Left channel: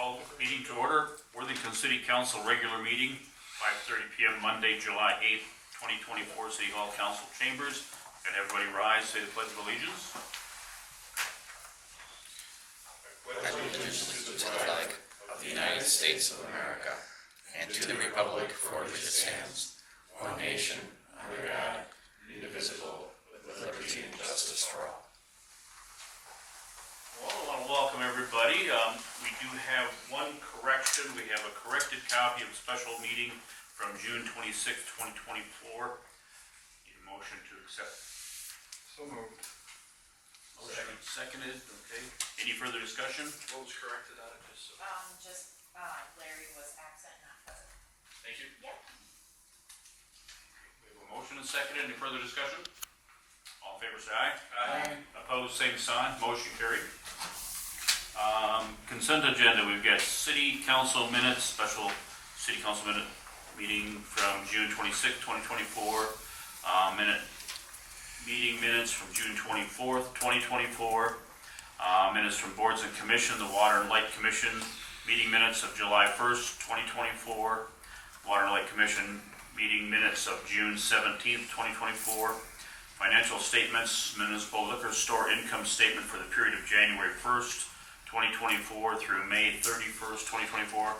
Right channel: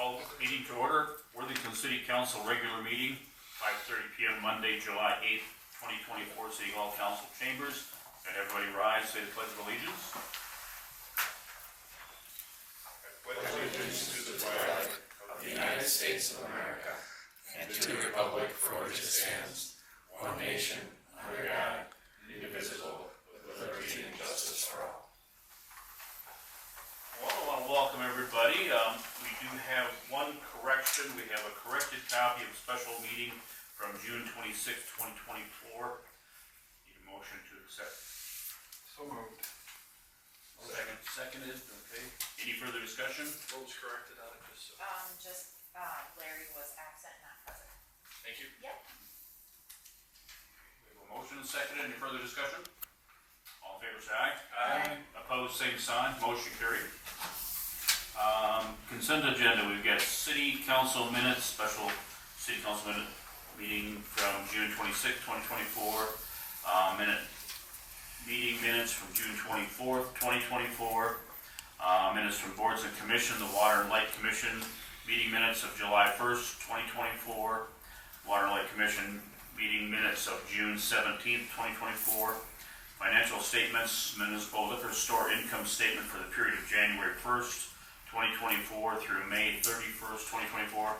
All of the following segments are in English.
Call meeting to order. Worthington City Council regular meeting, 5:30 p.m. Monday, July 8th, 2024, City Hall Council Chambers. And everybody rise, say the Pledge of Allegiance. Allegiance to the flag of the United States of America and to the republic for which it stands, one nation, under God, indivisible, with liberty and justice for all. Well, I want to welcome everybody. We do have one correction. We have a corrected copy of a special meeting from June 26th, 2024. Need a motion to accept. So moved. Seconded, okay. Any further discussion? What was corrected out of this? Larry was absent, not present. Thank you. Yep. We have a motion and seconded. Any further discussion? All in favor, say aye. Aye. Opposed, same sign. Motion carried. Consent agenda. We've got city council minutes, special city council minute meeting from June 26th, 2024. Meeting minutes from June 24th, 2024. Minutes from boards and commission, the Water and Light Commission meeting minutes of July 1st, 2024. Water and Light Commission meeting minutes of June 17th, 2024. Financial statements, municipal liquor store income statement for the period of January 1st, 2024 through May 31st, 2024.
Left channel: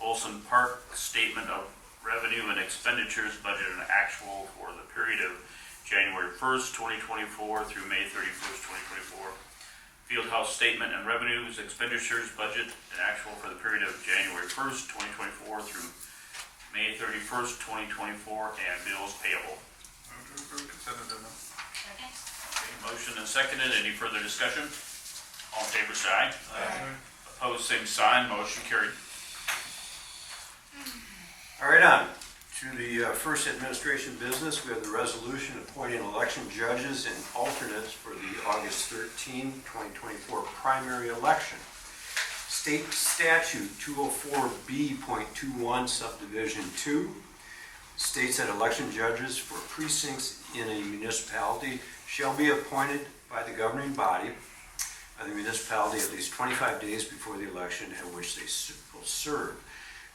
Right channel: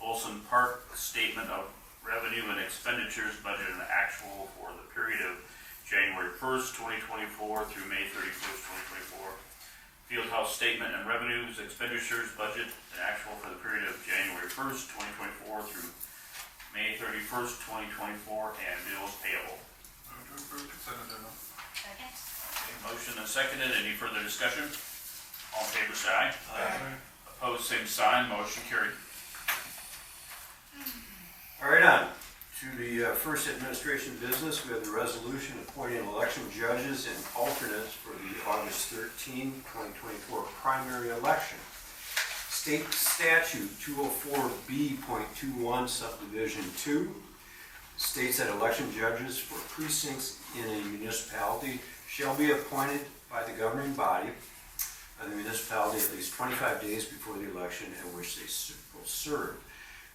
Olson Park statement of revenue and expenditures, budget and actual for the period of January 1st, 2024 through May 31st, 2024. Fieldhouse statement and revenues, expenditures, budget and actual for the period of January 1st, 2024 through May 31st, 2024, and bills payable. Move to approve consent agenda. Second? Okay, motion and seconded. Any further discussion? All in favor, say aye. Aye. Opposed, same sign. Motion carried. All right, on to the first administration business. We have the resolution appointing election judges and alternates for the August 13, 2024 primary election. State Statute 204B.21 Subdivision 2 states that election judges for precincts in a municipality shall be appointed by the governing body of the municipality at least 25 days before the election at which they will serve.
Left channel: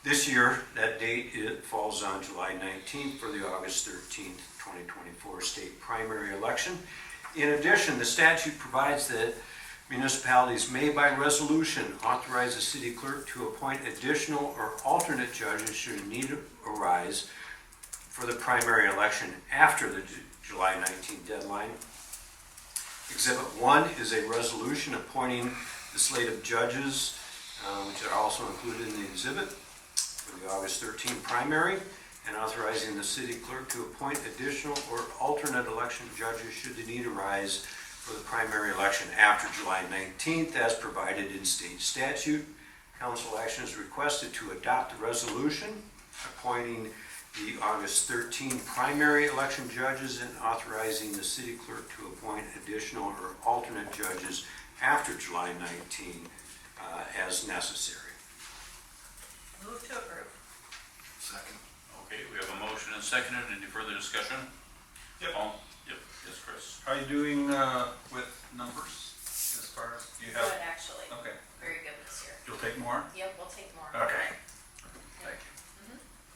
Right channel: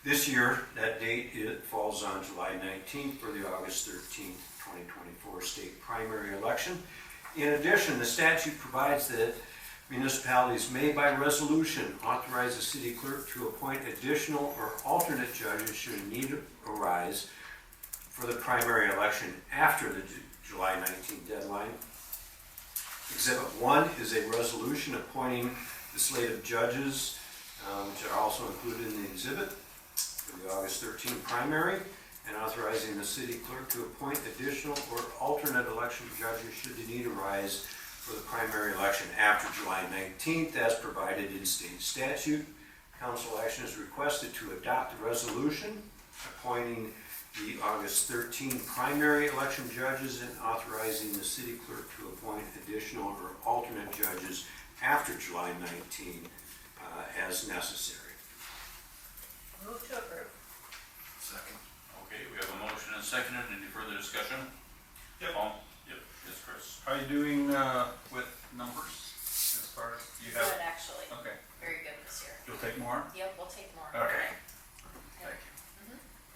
This year, that date falls on July 19th for the August 13th, 2024 state primary election. In addition, the statute provides that municipalities may by resolution authorize the city clerk to appoint additional or alternate judges should a need arise for the primary election after the July 19th deadline. Exhibit 1 is a resolution appointing the slate of judges, which are also included in the exhibit, for the August 13 primary, and authorizing the city clerk to appoint additional or alternate election judges should the need arise for the primary election after July 19th as provided in state statute. Council action is requested to adopt the resolution appointing the August 13 primary election judges and authorizing the city clerk to appoint additional or alternate judges after July 19 as necessary. Move to approve. Second. Okay, we have a motion and seconded. Any further discussion? Yep. Yep. Yes, Chris. Are you doing with numbers as far as you have? Good, actually. Okay. Very good this year. You'll take more? Yep, we'll take more. Okay. Yep. Thank you.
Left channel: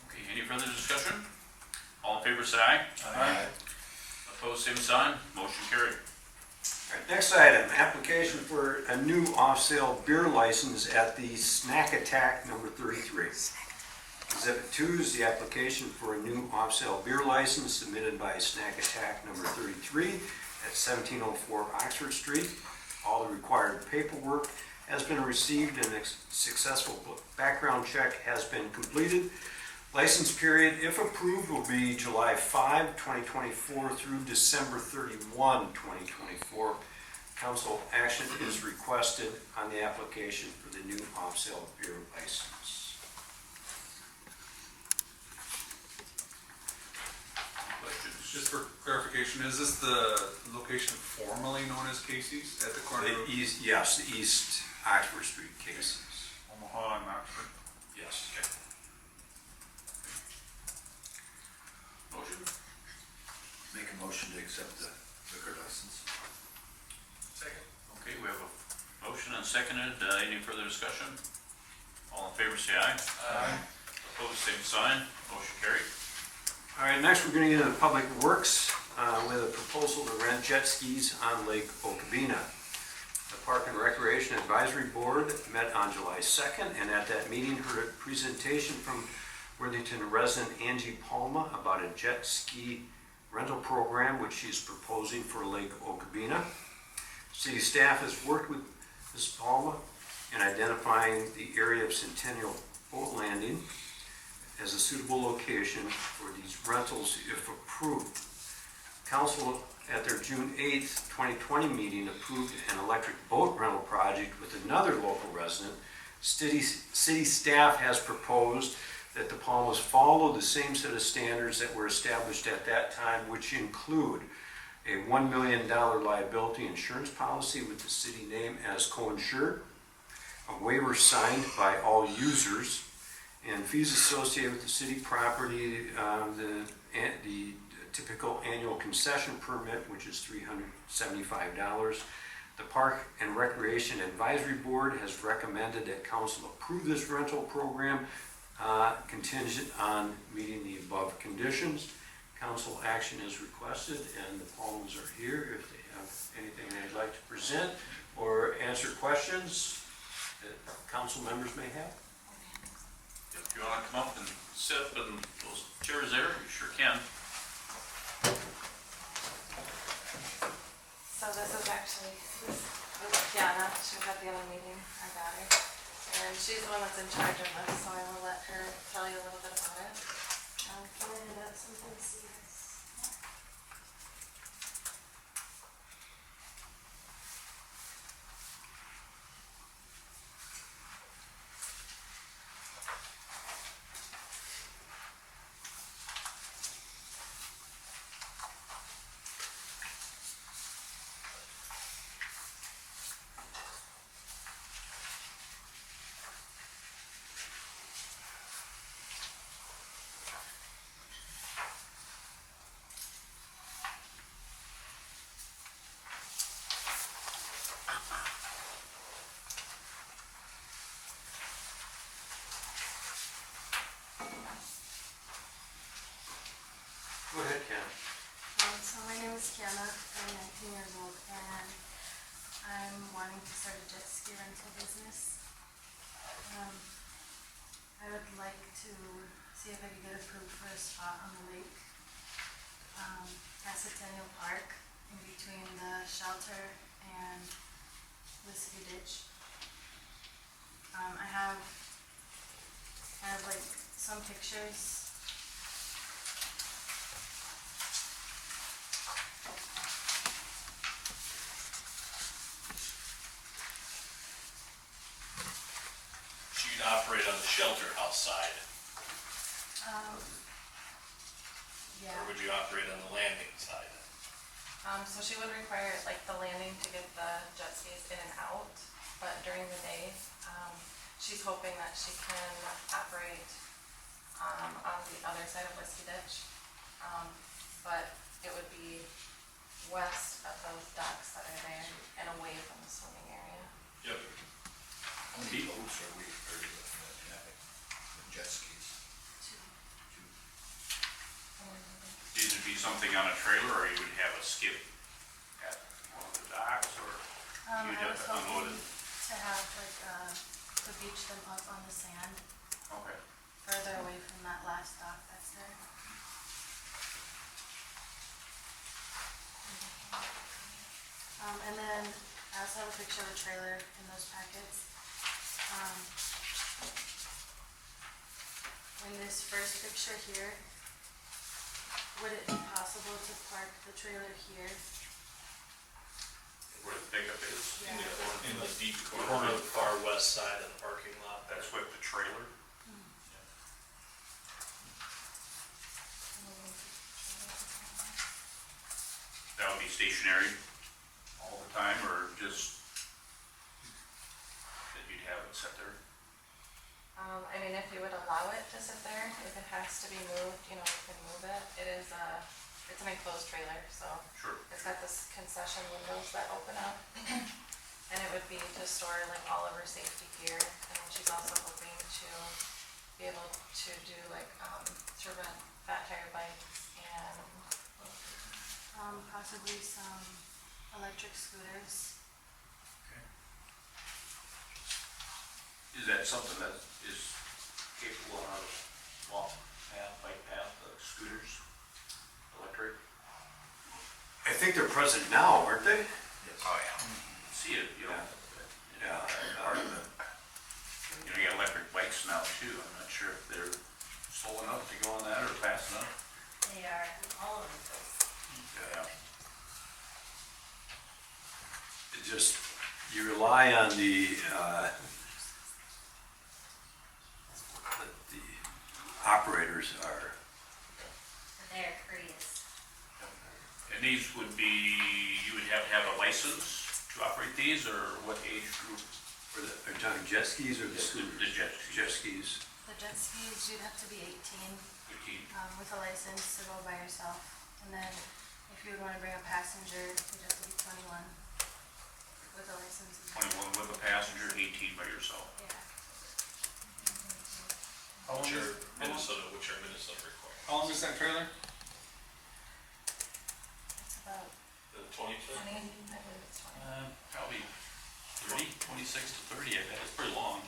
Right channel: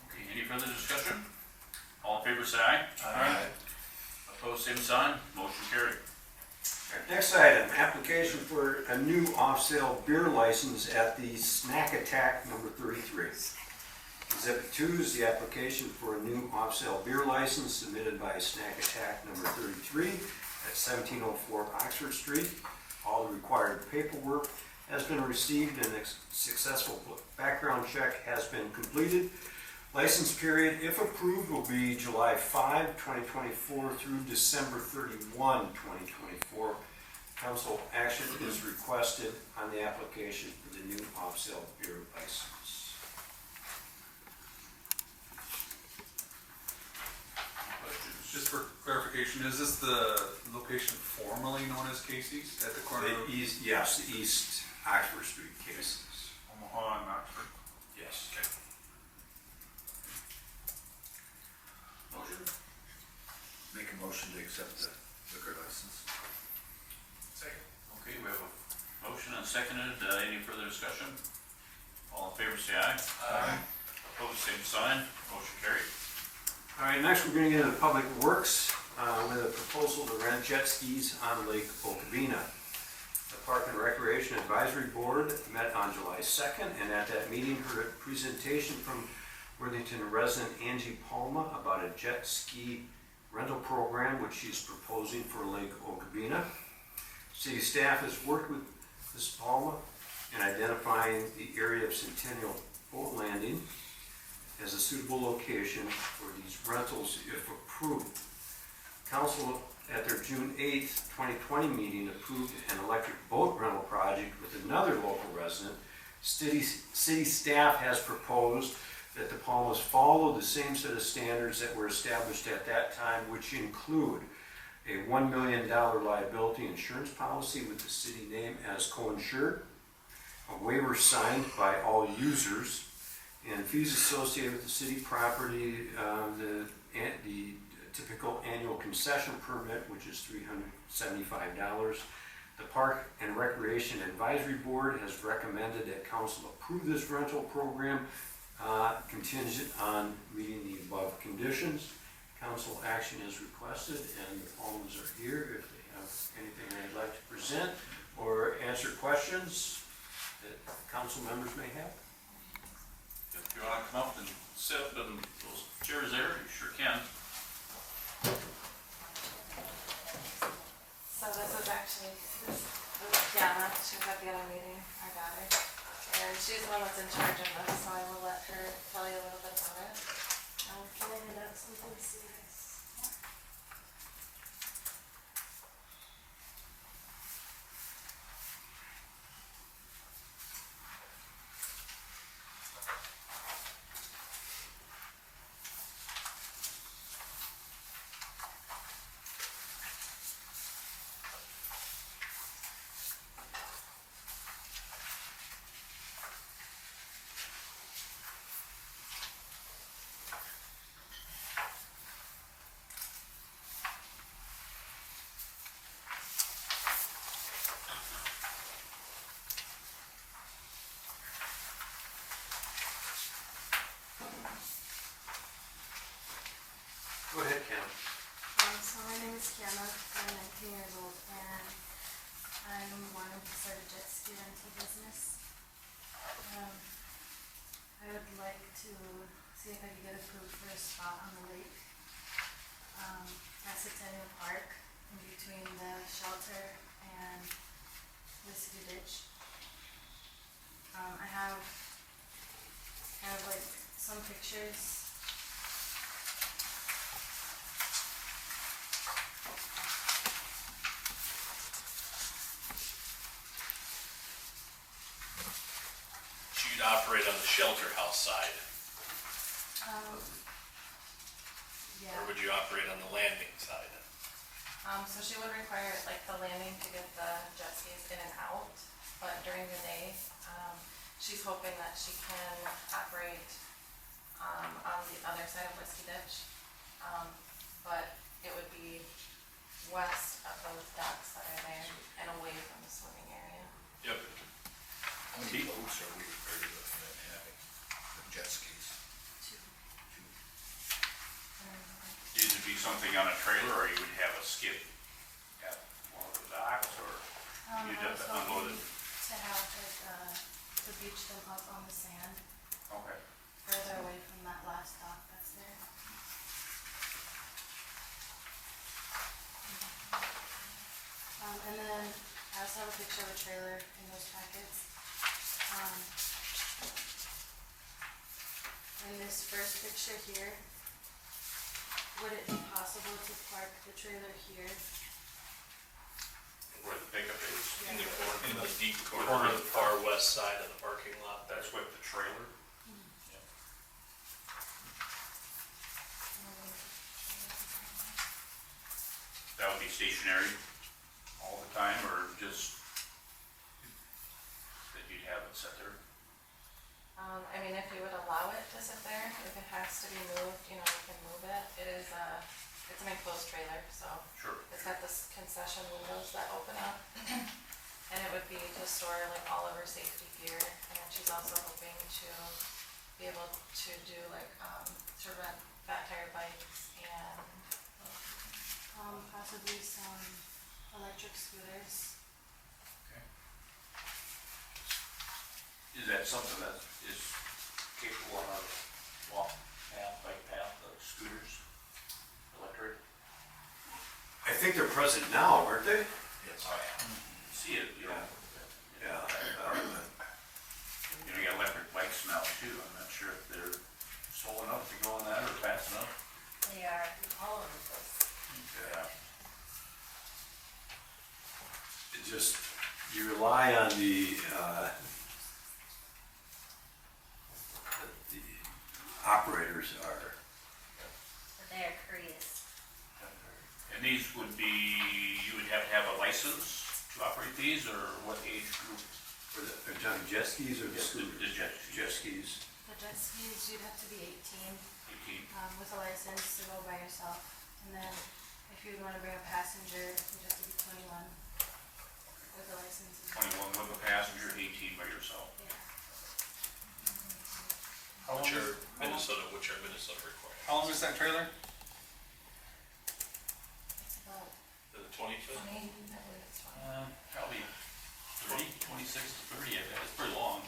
Okay, any further discussion? All in favor, say aye. Aye. Opposed, same sign. Motion carried. All right, next item, application for a new off-sale beer license at the Snack Attack number 33. Exhibit 2 is the application for a new off-sale beer license submitted by Snack Attack number 33 at 1704 Oxford Street. All the required paperwork has been received and a successful background check has been completed. License period, if approved, will be July 5, 2024 through December 31, 2024. Council action is requested on the application for the new off-sale beer license. Questions? Just for clarification, is this the location formerly known as Casey's at the corner of The east, yes, the East Oxford Street cases. Omaha and Oxford? Yes. Okay. Motion? Make a motion to accept the liquor license. Second. Okay, we have a motion and seconded. Any further discussion? All in favor, say aye. Aye. Opposed, same sign. Motion carried. All right, next we're going to get into Public Works with a proposal to rent jet skis on Lake Okabena. The Park and Recreation Advisory Board met on July 2nd, and at that meeting heard a presentation from Worthington resident Angie Palma about a jet ski rental program which she's proposing for Lake Okabena. City staff has worked with Ms. Palma in identifying the area of Centennial Boat Landing as a suitable location for these rentals if approved. Council at their June 8th, 2020 meeting approved an electric boat rental project with another local resident. City staff has proposed that the Palmas follow the same set of standards that were established at that time, which include a $1 million liability insurance policy with the city name as co-insured, a waiver signed by all users, and fees associated with the city property, the typical annual concession permit, which is $375. The Park and Recreation Advisory Board has recommended that council approve this rental program contingent on meeting the above conditions. Council action is requested, and the Palmas are here if they have anything they'd like to present or answer questions that council members may have. If you want to come up and sit up in those chairs there, you sure can. So this is actually, this is Kiana, she was at the other meeting, our daughter. And she's the one that's in charge of this, so I will let her tell you a little bit about it. Can I hand out something to see this? Go ahead, Cam. So my name is Kiana, I'm 19 years old, and I'm wanting to start a jet ski rental business. I would like to see if I could get approved for a spot on the lake, at Centennial Park, in between the shelter and Whiskey Ditch. I have kind of like some pictures. You'd operate on the shelter house side, Yeah. or would you operate on the landing side? So she would require like the landing to get the jet skis in and out, but during the day, she's hoping that she can operate on the other side of Whiskey Ditch. But it would be west of those docks that are there and away from the swimming area. Yep. How many boats are we looking at having, the jet skis? Two. Two. These would be something on a trailer, or you would have a skip at one of the docks, or I you'd have was to unload hoping it? to have like, to beach them up on the sand, Okay. further away from that last dock that's there. And then I also have a picture of a trailer in those packets. In this first picture here, would it be possible to park the trailer here? Where the pickup is, Yeah. In the deep corner of the far west side of the parking lot. that's what the trailer. That would be stationary all the time, or just that you'd have it set there? I mean, if you would allow it to sit there, if it has to be moved, you know, you can move it. It is it's an enclosed trailer, so Sure. it's got this concession windows that open up. And it would be to store like all of her safety gear, and then she's also hoping to be able to do like, to rent fat tire bikes and possibly some electric scooters. Is that something that is capable on our walk path, bike path, scooters, electric? I think they're present now, aren't they? Yes. Oh, yeah. See it, you know. Yeah. Part of it. You know, you got electric bikes now too. I'm not sure if they're slow enough to go on that or fast enough. They are all over the place. Yeah. It just, you rely on the operators are. But they are courteous. And these would be, you would have to have a license to operate these, or what age group? For the, are you talking jet skis or the scooters? The jet Jet skis. The jet skis, you'd have to be 18, 18. with a license to go by yourself. And then if you would wanna bring a passenger, you'd have to be 21 with a license. 21 with a passenger, 18 by yourself. Yeah. Which are Minnesota required. How long is that trailer? It's about The 20 foot? 20, I believe it's 20. Probably 30, 26 to 30, I bet. It's pretty long.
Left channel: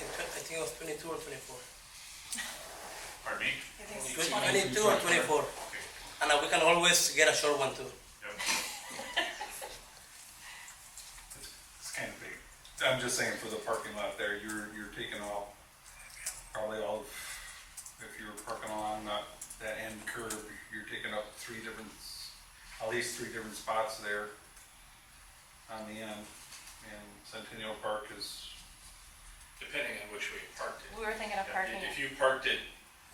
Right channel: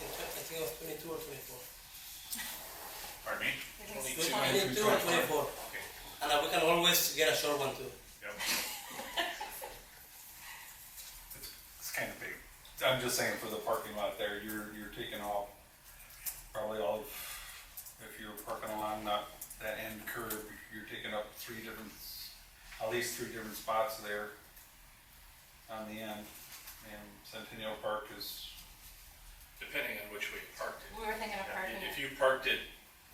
I think it was 22 or 24. Pardon me? I think it's 20. 22 or 24. Okay. And we can always get a short one too. Yep. It's kind of big. I'm just saying for the parking lot there, you're taking off probably all of, if you're parking along that end curb, you're taking up at least three different spots there on the end. And Centennial Park is, Depending on which way you parked it. We were thinking of parking If it. you parked it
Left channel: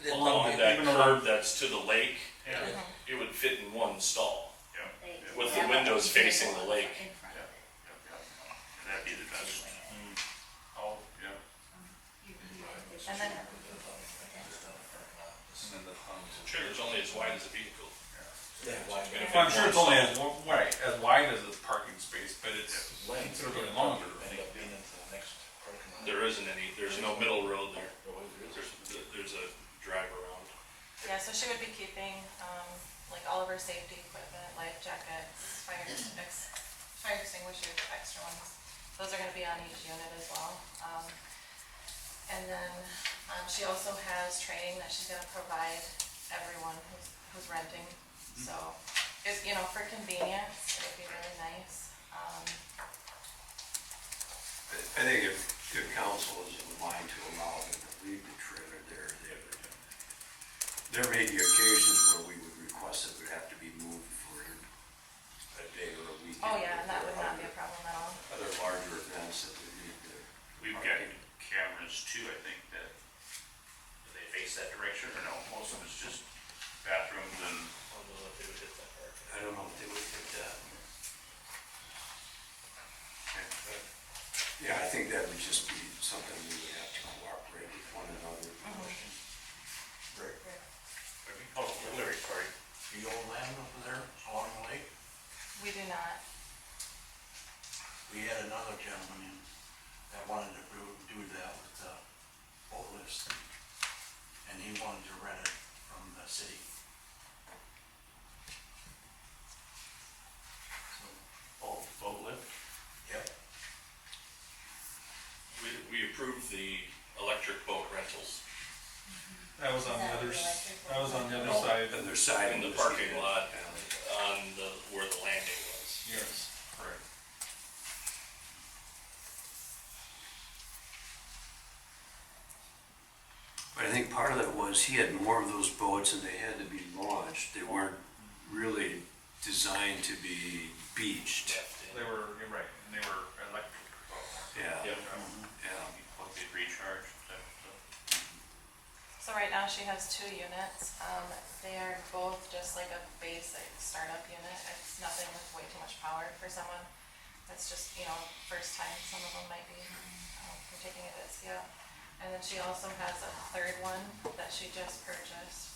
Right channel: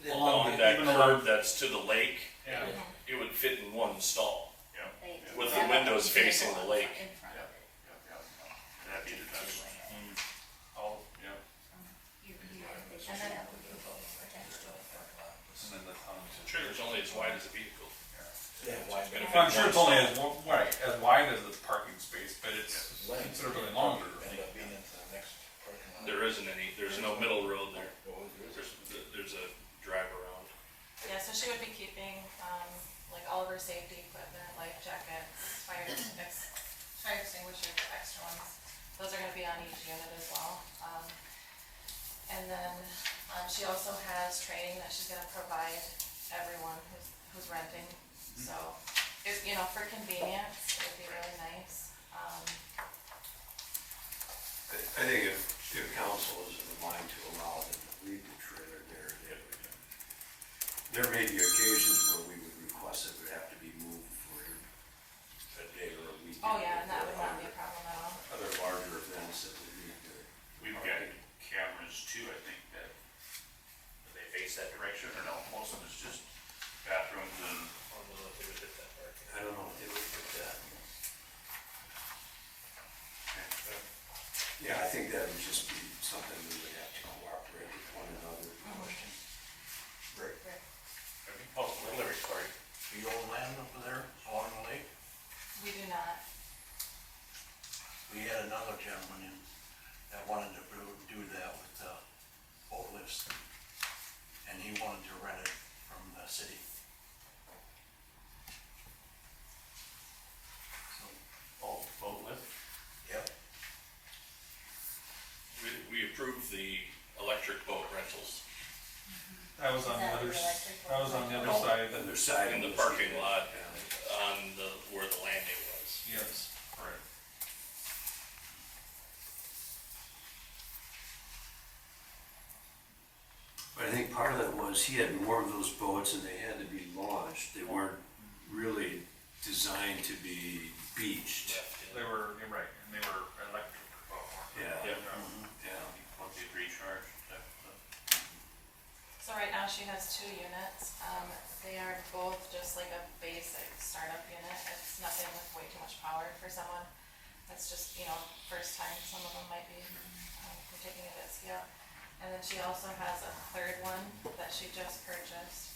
Yeah. along that Even along- curb that's to the lake, Yeah. it would fit in one stall. Yeah. They- With they the have windows a facing the lake. In front of it. That'd be the best. Oh, yeah. And then, and then the, Sure, there's only as wide as a vehicle. Yeah. well, I'm sure it's only as wide as the parking space, but it's considerably longer. There isn't any, there's no middle road there. There's a drive around. yeah, so she would be keeping, like all of her safety equipment, life jackets, fire extinguishers, extra ones. Those are gonna be on each unit as well. And then, she also has training that she's gonna provide everyone who's renting. So, it's, you know, for convenience, it would be really nice. I think if the council is inclined to allow them to leave the trailer there, there may be occasions where we would request it would have to be moved for a day or a weekend. Oh, yeah, and that If would there not be are a problem at all. Other larger events that we need to. We've got cameras too, I think, that, do they face that direction or no? Most of it's just bathrooms and, I don't know if they would hit that park. I don't know if they would put that. Yeah, I think that would just be something we would have to cooperate with one another. oh, Larry, sorry. Do you own land over there along the lake? We do not. We had another gentleman in that wanted to do that with boat lifts. And he wanted to rent it from the city. So, Boat lift? yep. We approved the electric boat rentals That was on the other, that was on the other side. Then their side. in the was- parking lot Yeah. on where the landing was. Yes, correct. But I think part of that was he had more of those boats and they had to be launched. They weren't really designed to be beached. You're right, and they were electric. Yeah. Yep. Yeah. Once they recharge, type stuff. So right now she has 2 units. They are both just like a basic startup unit. It's nothing with way too much power for someone. That's just, you know, first time some of them might be, they're taking it at scale. And then she also has a 3rd one that she just purchased.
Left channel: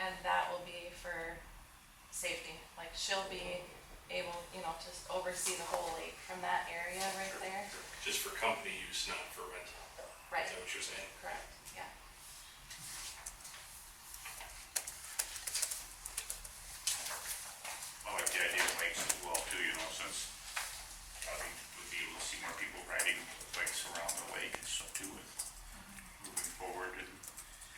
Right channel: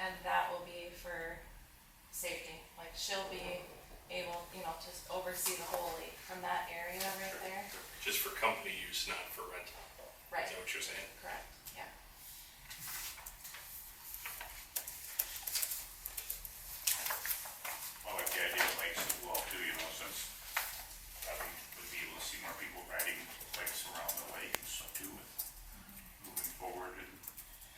And that will be for safety. Like she'll be able, you know, to oversee the whole lake from that area right there. Just for company use, not for rental. Right, Is that what you're saying? correct, yeah. I like the idea of bikes as well too, you know, since probably would be able to see more people riding bikes around the lake and stuff too, with moving forward and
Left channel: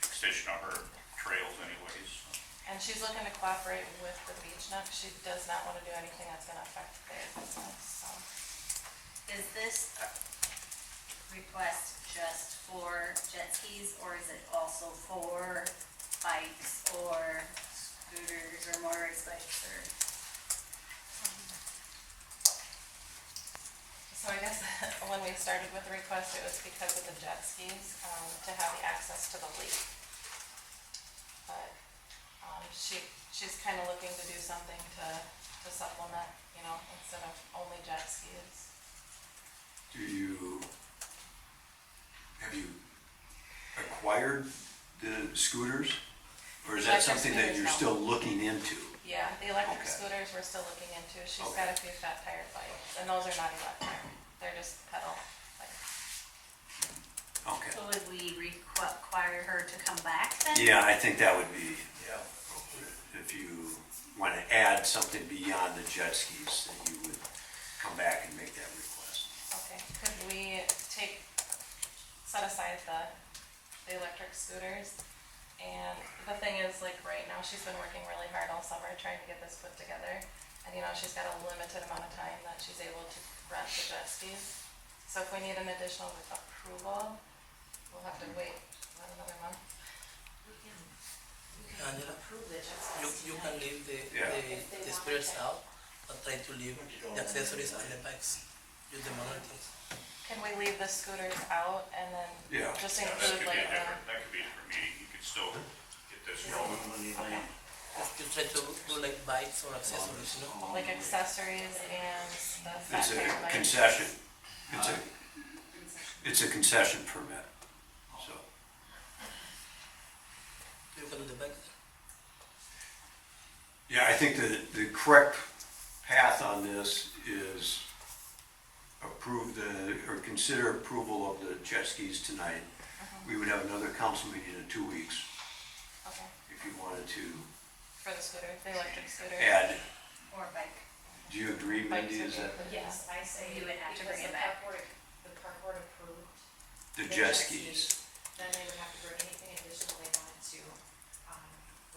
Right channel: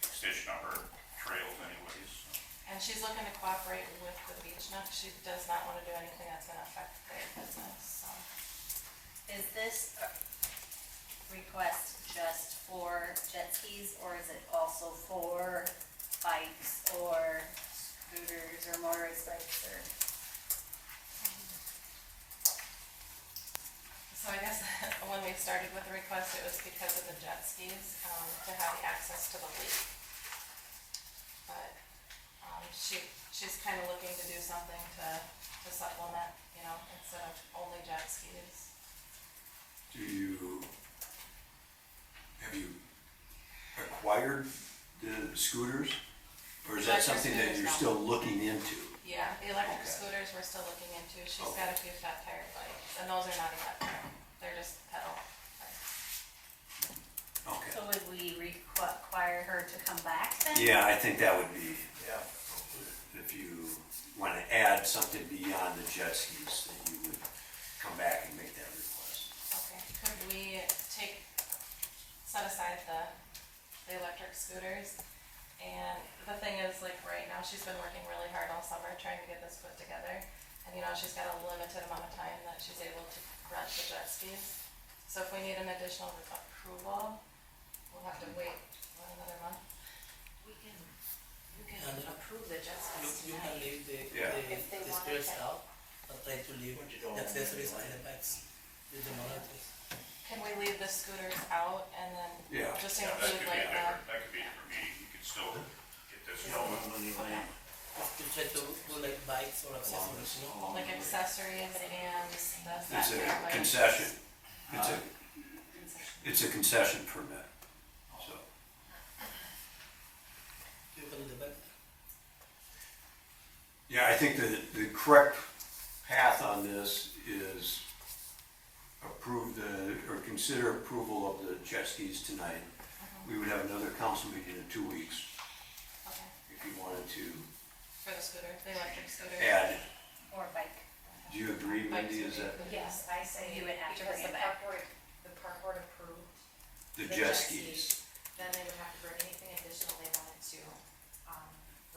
extension of her trails anyways, so. And she's looking to cooperate with the beach now, 'cause she does not wanna do anything that's gonna affect their business, so. Is this request just for jet skis, or is it also for bikes or scooters or motorcycles or? So I guess when we started with the request, it was because of the jet skis, to have the access to the lake. But, she's kinda looking to do something to supplement, you know, instead of only jet skis. Have you acquired the scooters? Or is that Electric something that scooters, you're no. still looking into? Yeah, the electric Okay. scooters we're still looking into. She's Okay. got a few fat tire bikes, and those are not electric. They're just pedal bikes. Okay. So would we require her to come back then? Yeah, I think that would be, Yeah. if you want to add something beyond the jet skis, that you would come back and make that request. Okay, could we set aside the electric scooters? And the thing is, like, right now, she's been working really hard all summer trying to get this put together. And, you know, she's got a limited amount of time that she's able to rent the jet skis. So if we need an additional approval, we'll have to wait another month. We can Angela, approve the jet You, skis you can tonight. leave Yeah. If they the want spirits it. out, but try to leave the accessories and the bikes. Use the motor things. Can we leave the scooters out and then Yeah. just Yeah, that include could be like a different, that could be a different meeting, you could still get this going. Just to try to do like bikes or accessories, you know? like accessories and the fat It's tire a bikes? concession. It's a concession permit, so. You can do the bike. Yeah, I think the correct path on this is consider approval of the jet skis tonight. We would have another council meeting in 2 weeks Okay, if you wanted to for the scooters, the electric scooters. add. Or bike. Do you agree, Mindy, is that Yes, I say, You would have to because bring it the back. park board approved, the The jet jet skis? then they would have to bring anything additional they wanted to,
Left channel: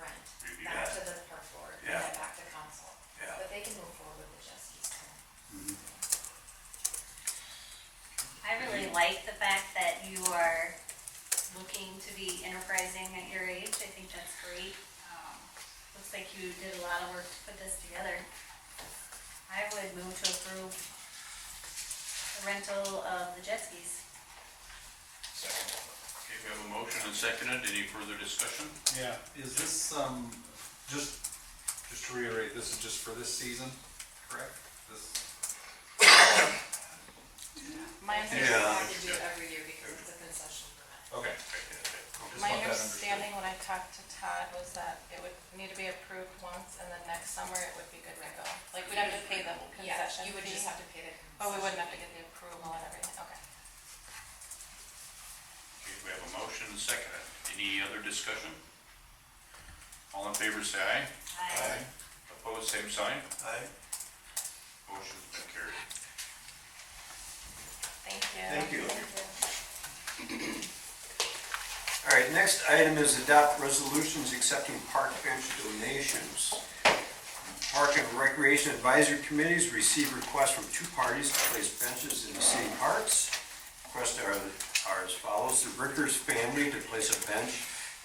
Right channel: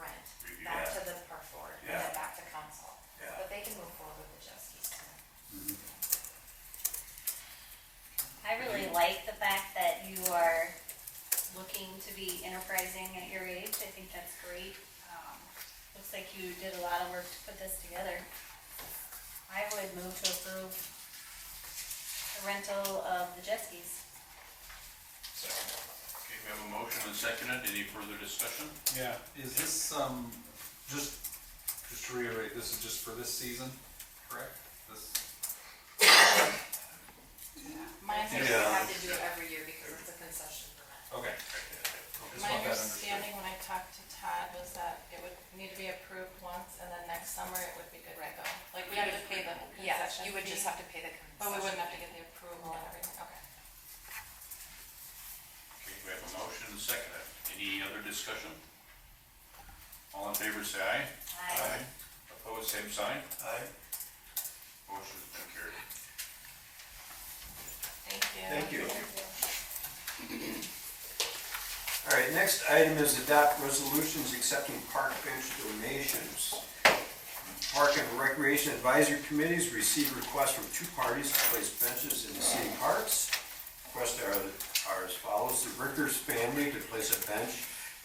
rent, Review back that. to the park board, and Yeah. then back to council. Yeah. But they can move forward with the jet skis too. I really like the fact that you are looking to be enterprising at your age. I think that's great. Looks like you did a lot of work to put this together. I would move to approve the rental of the jet skis. Okay, we have a motion and seconded, any further discussion? Yeah, is this, just to reiterate, this is just for this season, correct? This, My They understanding, Yeah. have to do it every year because it's a concession permit. okay. Just my want that understanding when I talked to Todd was that it would need to be approved once and then next summer it would be good to go. Like, we'd have to pay the Yes, concession you would just fee, have to pay the concession. but we wouldn't have to get the approval and everything, okay. Okay, we have a motion and seconded, any other discussion? All in favor say aye. Aye. Opposed, same sign, Aye. motion's been carried. Thank you. Thank you. All right, next item is adopt resolutions accepting park bench donations. Park and Recreation Advisory Committees received requests from 2 parties to place benches in the city parks. Requests are as follows: the Rickers family to place a bench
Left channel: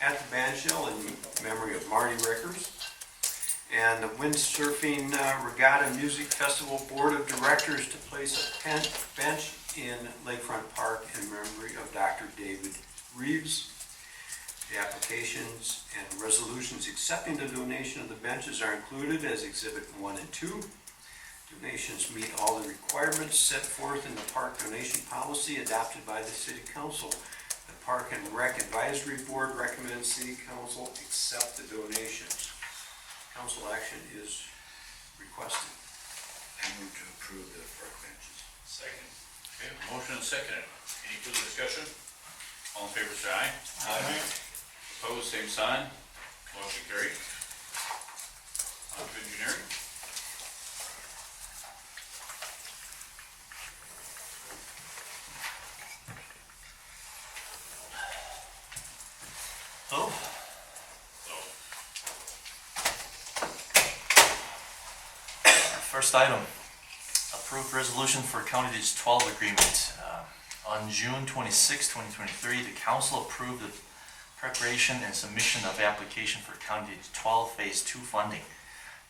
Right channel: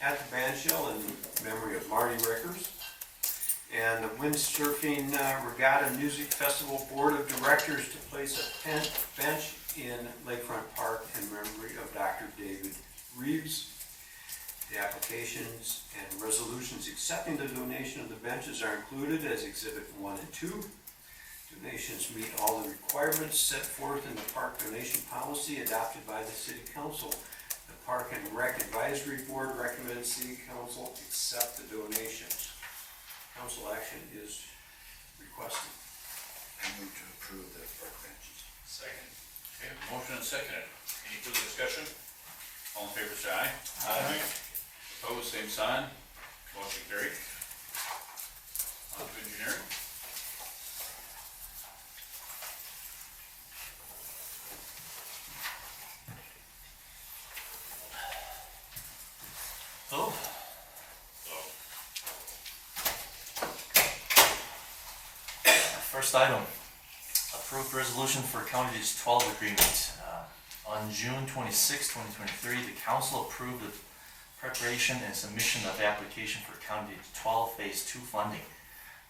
at the bandshell in memory of Marty Rickers, and the Windsurfing Regatta Music Festival Board of Directors to place a bench in Lakefront Park in memory of Dr. David Reeves. The applications and resolutions accepting the donation of the benches are included as Exhibit 1 and 2. Donations meet all the requirements set forth in the park donation policy adopted by the City Council. The Park and Rec Advisory Board recommends City Council accept the donations. Council action is requested. move to approve the park benches. Second. Okay, motion and seconded. Any further discussion? All in favor, say aye. Aye. Opposed, same sign. Motion carried. On to engineering. Oh, So, first item, approved resolution for County Ditch 12 agreement. On June 26, 2023, the council approved the preparation and submission of application for County Ditch 12 Phase 2 funding.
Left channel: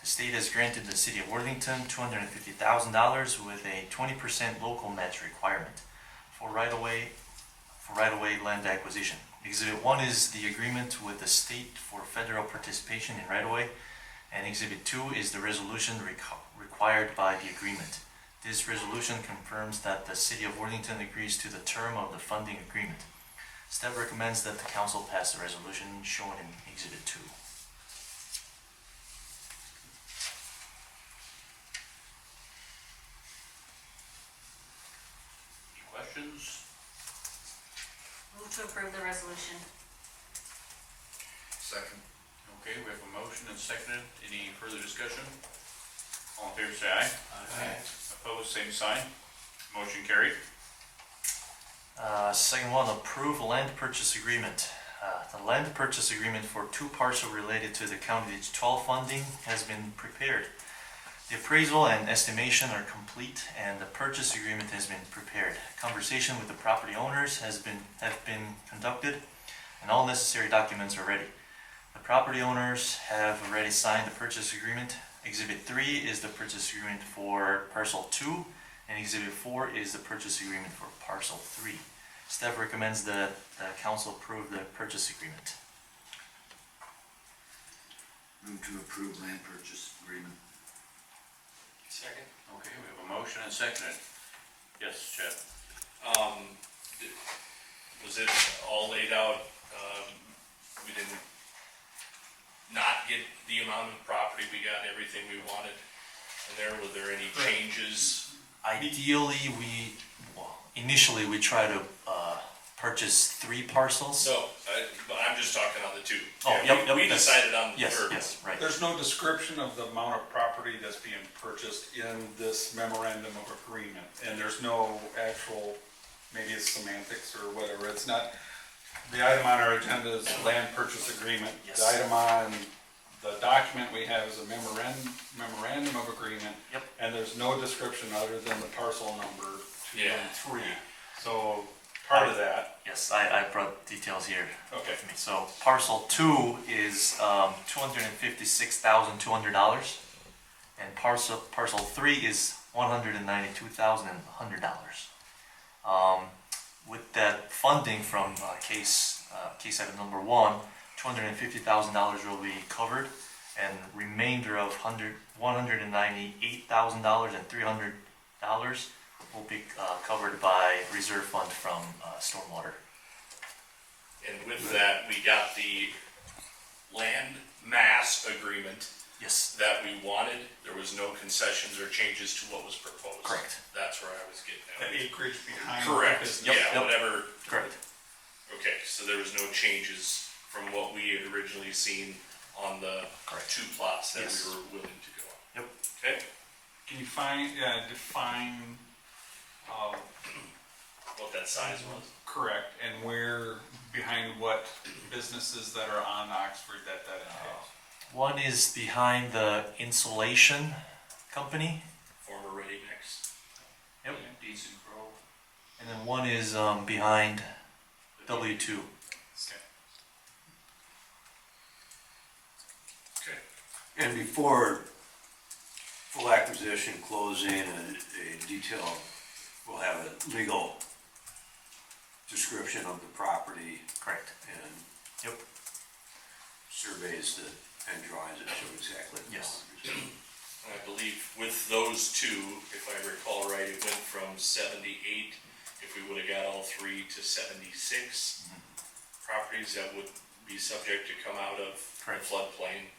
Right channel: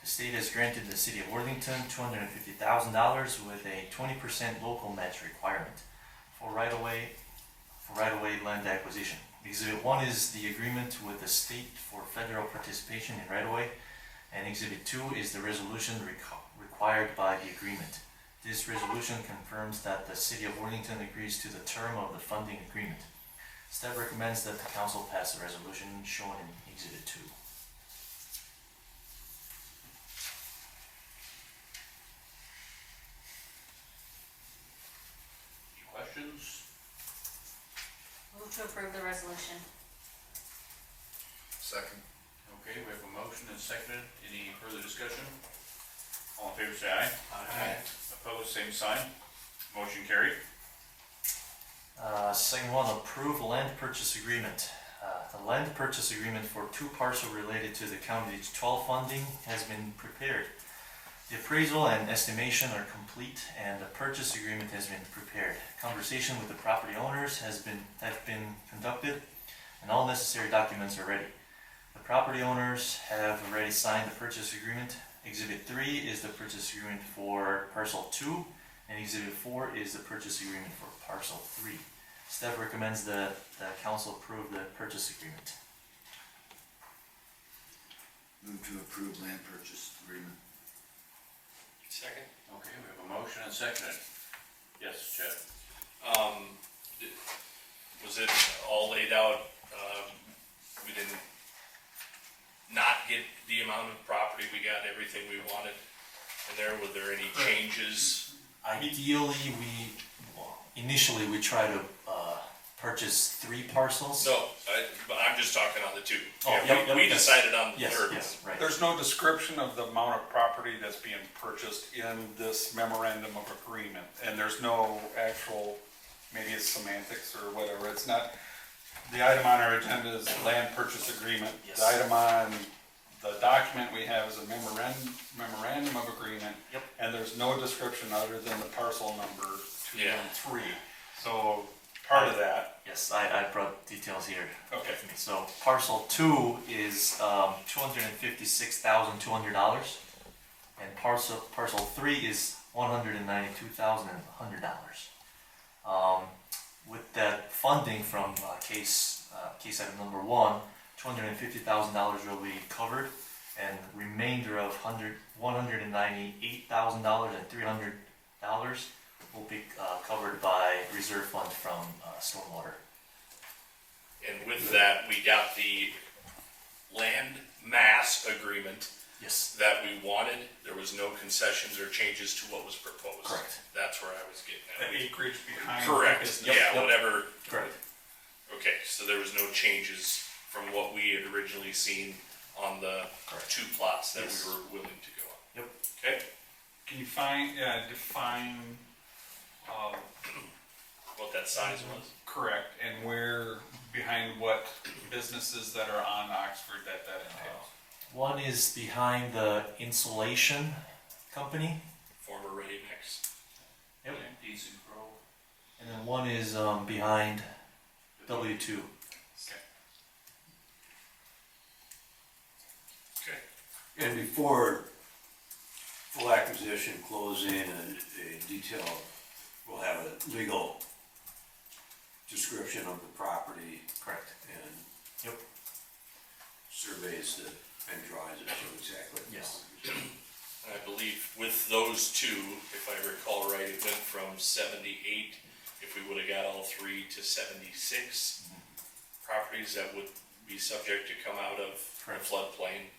The state has granted the city of Worthington $250,000 with a 20% local match requirement for right-of-way land acquisition. Exhibit 1 is the agreement with the state for federal participation in right-of-way, and Exhibit 2 is the resolution required by the agreement. This resolution confirms that the city of Worthington agrees to the term of the funding agreement. Staff recommends that the council pass the resolution shown in Exhibit 2. any questions? Move to approve the resolution. Second. Okay, we have a motion and seconded. Any further discussion? All in favor, say aye. Aye. Opposed, same sign. Motion carried. Second one, approve land purchase agreement. The land purchase agreement for 2 parcels related to the County Ditch 12 funding has been prepared. The appraisal and estimation are complete, and the purchase agreement has been prepared. Conversation with the property owners have been conducted, and all necessary documents are ready. The property owners have already signed the purchase agreement. Exhibit 3 is the purchase agreement for parcel 2, and Exhibit 4 is the purchase agreement for parcel 3. Staff recommends that the council approve the purchase agreement. Move to approve land purchase agreement. Second. Okay, we have a motion and seconded. Yes, Chad? Was it all laid out, we didn't not get the amount of property, we got everything we wanted? And were there any changes? Ideally, initially we try to purchase 3 parcels. No, but I'm just talking on the 2. Oh, Yeah, yep, we yes. decided on the Yes, 3rd. yes, right. There's no description of the amount of property that's being purchased in this memorandum of agreement, and there's no actual, maybe it's semantics or whatever, it's not, the item on our agenda is land purchase agreement. Yes. The item on the document we have is a memorandum of agreement. Yep. And there's no description other than the parcel number 2 Yeah. and 3. So, part of that, Yes, I brought details here. okay, with me. So parcel 2 is $256,200, and parcel 3 is $192,100. With that funding from case item number 1, $250,000 will be covered, and remainder of $198,000 and $300 will be covered by reserve fund from stormwater. And with that, we got the land mass agreement Yes, that we wanted. There was no concessions or changes to what was proposed. correct. That's where I was getting the at. acreage behind. Correct, the business. yeah, Yep. whatever. Correct. Okay, so there was no changes from what we had originally seen on the Correct. 2 plots that Yes. we were willing to go on. Yep. Okay, Can you define, what that size was? correct, and where, behind what businesses that are on Oxford that entails? One is behind the insulation company, Former Ready Mix. Yep. Decent Grove. and then one is behind W2. Okay. And before full acquisition, closing, a detail, we'll have a legal description of the property Correct. and Yep. surveys that, and drawings that show exactly. Yes. I believe with those 2, if I recall right, it went from 78, if we would have got all 3, to 76 properties that would be subject to come out of the Correct. floodplain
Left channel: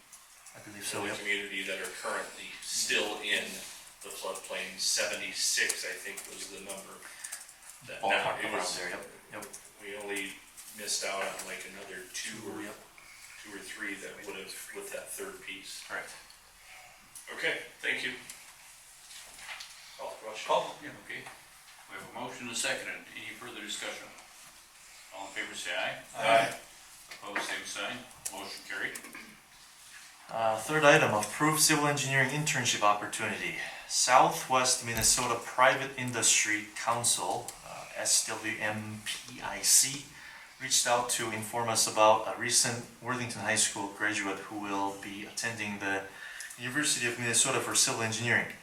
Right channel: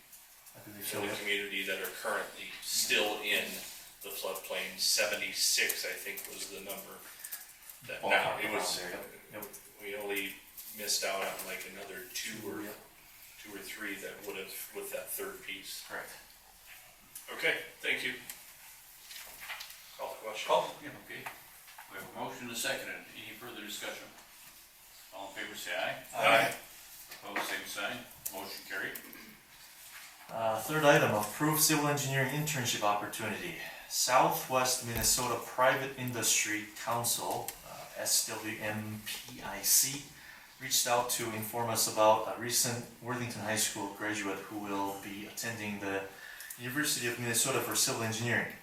I believe in so, the yep. community that are currently still in the floodplain. 76, I think, was the number. That Ballpark now, it around was, there, yep. we only missed out on like another two or Yep. three that would have, with that third piece. Correct. Okay, thank you. Call the question. Okay. We have a motion and a second. Any further discussion? All in favor, say aye. Aye. Opposed, same sign. Motion carried. Third item, approved civil engineering internship opportunity. Southwest Minnesota Private Industry Council, SWMPIC, reached out to inform us about a recent Worthington High School graduate who will be attending the University of Minnesota for civil engineering.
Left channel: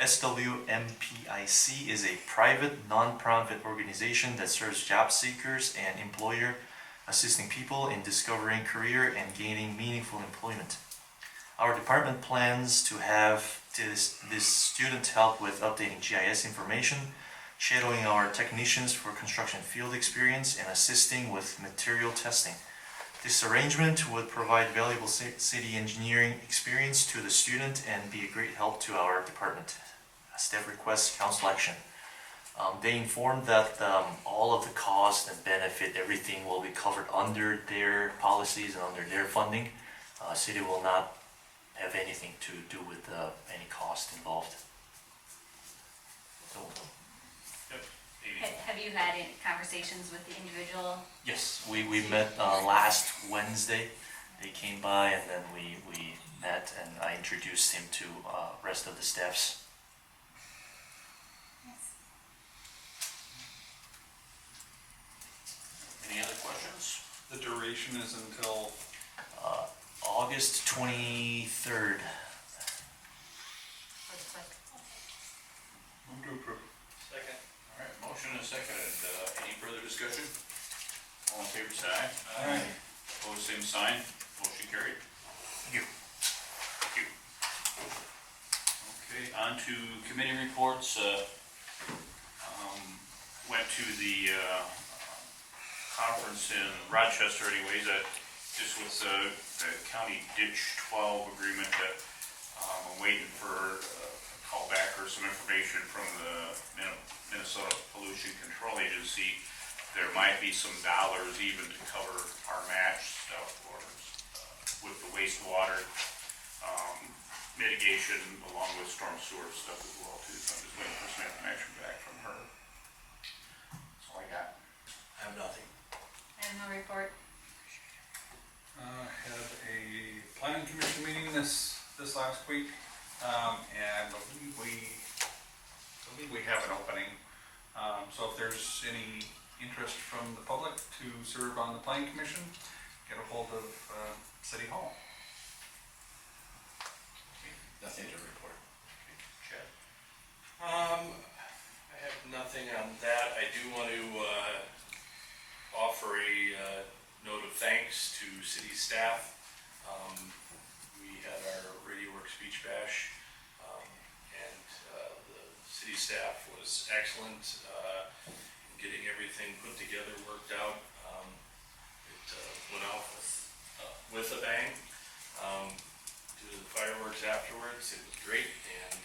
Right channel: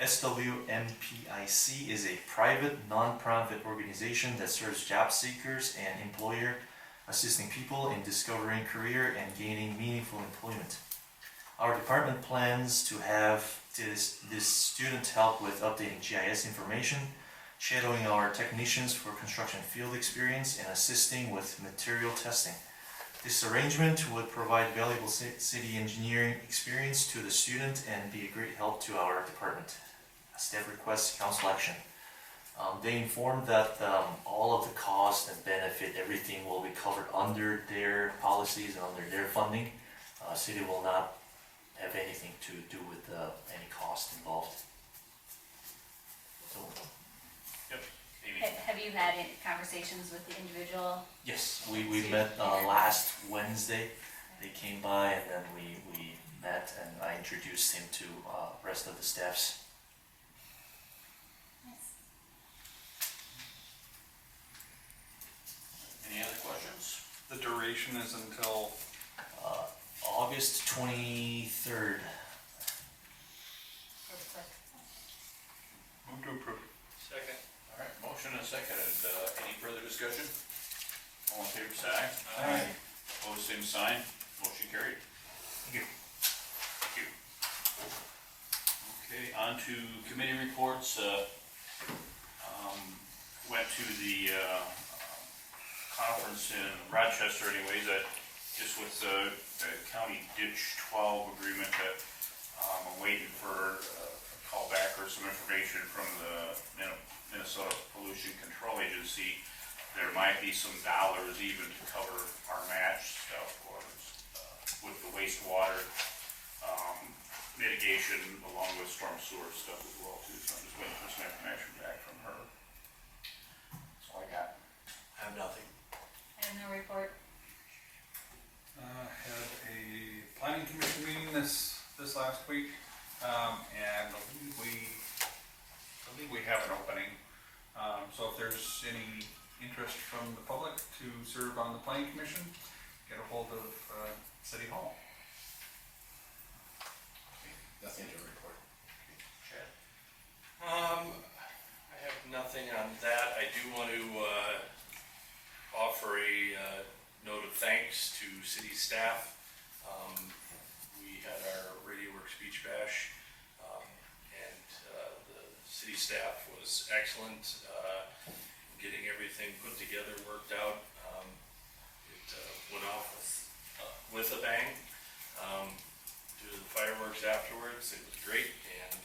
SWMPIC is a private, non-profit organization that serves job seekers and employer, assisting people in discovering career and gaining meaningful employment. Our department plans to have this student help with updating GIS information, shadowing our technicians for construction field experience, and assisting with material testing. This arrangement would provide valuable city engineering experience to the student and be a great help to our department. Staff requests council action. They informed that all of the cost and benefit, everything will be covered under their policies and under their funding. City will not have anything to do with any cost involved. So, Amy? Have you had any conversations with the individual? yes, we met last Wednesday. They came by and then we met and I introduced him to rest of the staffs. Any other questions? The duration is until, August 23rd. move to approve. Second. All right, motion and a second. Any further discussion? All in favor, say aye. Aye. Opposed, same sign. Motion carried. Thank you. Thank you. Okay, on to committee reports. Went to the conference in Rochester anyways, just with the county ditch 12 agreement that I'm waiting for a call back or some information from the Minnesota Pollution Control Agency. There might be some dollars even to cover our match stuff or with the wastewater mitigation along with storm sewer stuff as well too. So I'm just waiting for some information back from her. That's all I got. I have nothing. I have no report. Had a planning commission meeting this last week, and I believe we have an opening. So if there's any interest from the public to serve on the planning commission, get a hold of City Hall. Nothing to report. Chad? I have nothing on that. I do want to offer a note of thanks to city staff. We had our Radio Works Beach Bash, and the city staff was excellent in getting everything put together, worked out. It went off with a bang. To the fireworks afterwards, it was great, and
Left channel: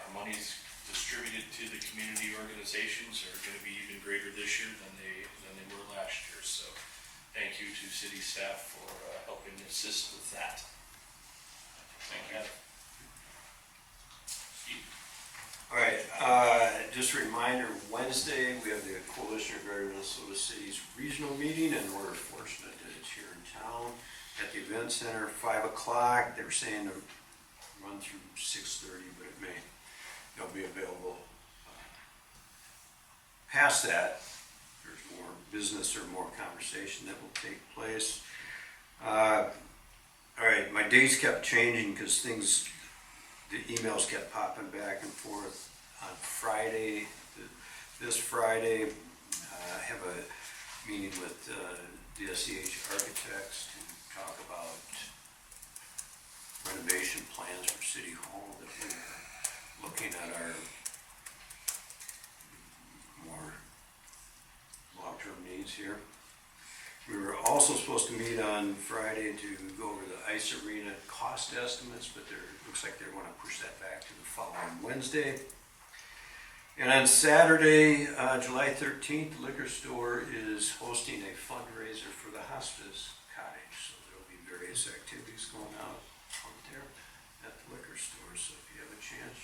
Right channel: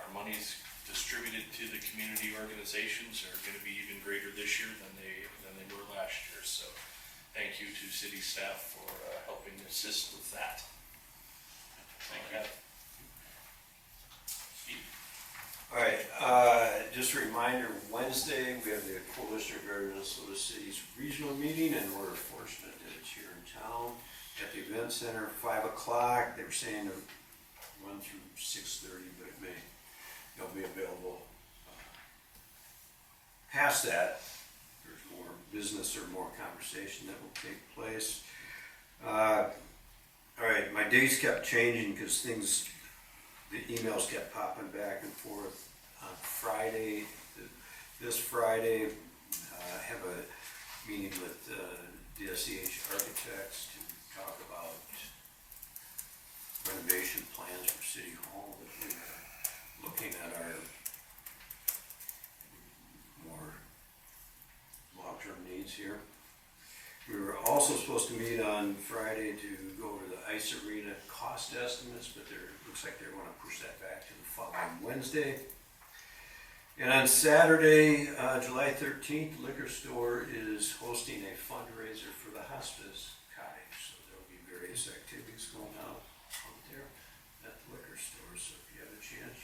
our money's distributed to the community organizations are going to be even greater this year than they were last year. So thank you to city staff for helping assist with that. Thank you. Steve? All right, just a reminder, Wednesday, we have the Coalition of Greater Minnesota Cities Regional Meeting, and we're fortunate that it's here in town at the Event Center, 5 o'clock. They were saying to run through 6:30, but it'll be available past that. There's more business or more conversation that will take place. All right, my days kept changing because the emails kept popping back and forth. On Friday, this Friday, I have a meeting with DSCH Architects to talk about renovation plans for City Hall, that we're looking at our more long-term needs here. We were also also supposed to meet on Friday to go over the ice arena cost estimates, but looks like they're gonna push that back to the following Wednesday. And on Saturday, July 13th, the liquor store is hosting a fundraiser for the hospice cottage. So there'll be various activities going out there at the liquor store. So if you have a chance,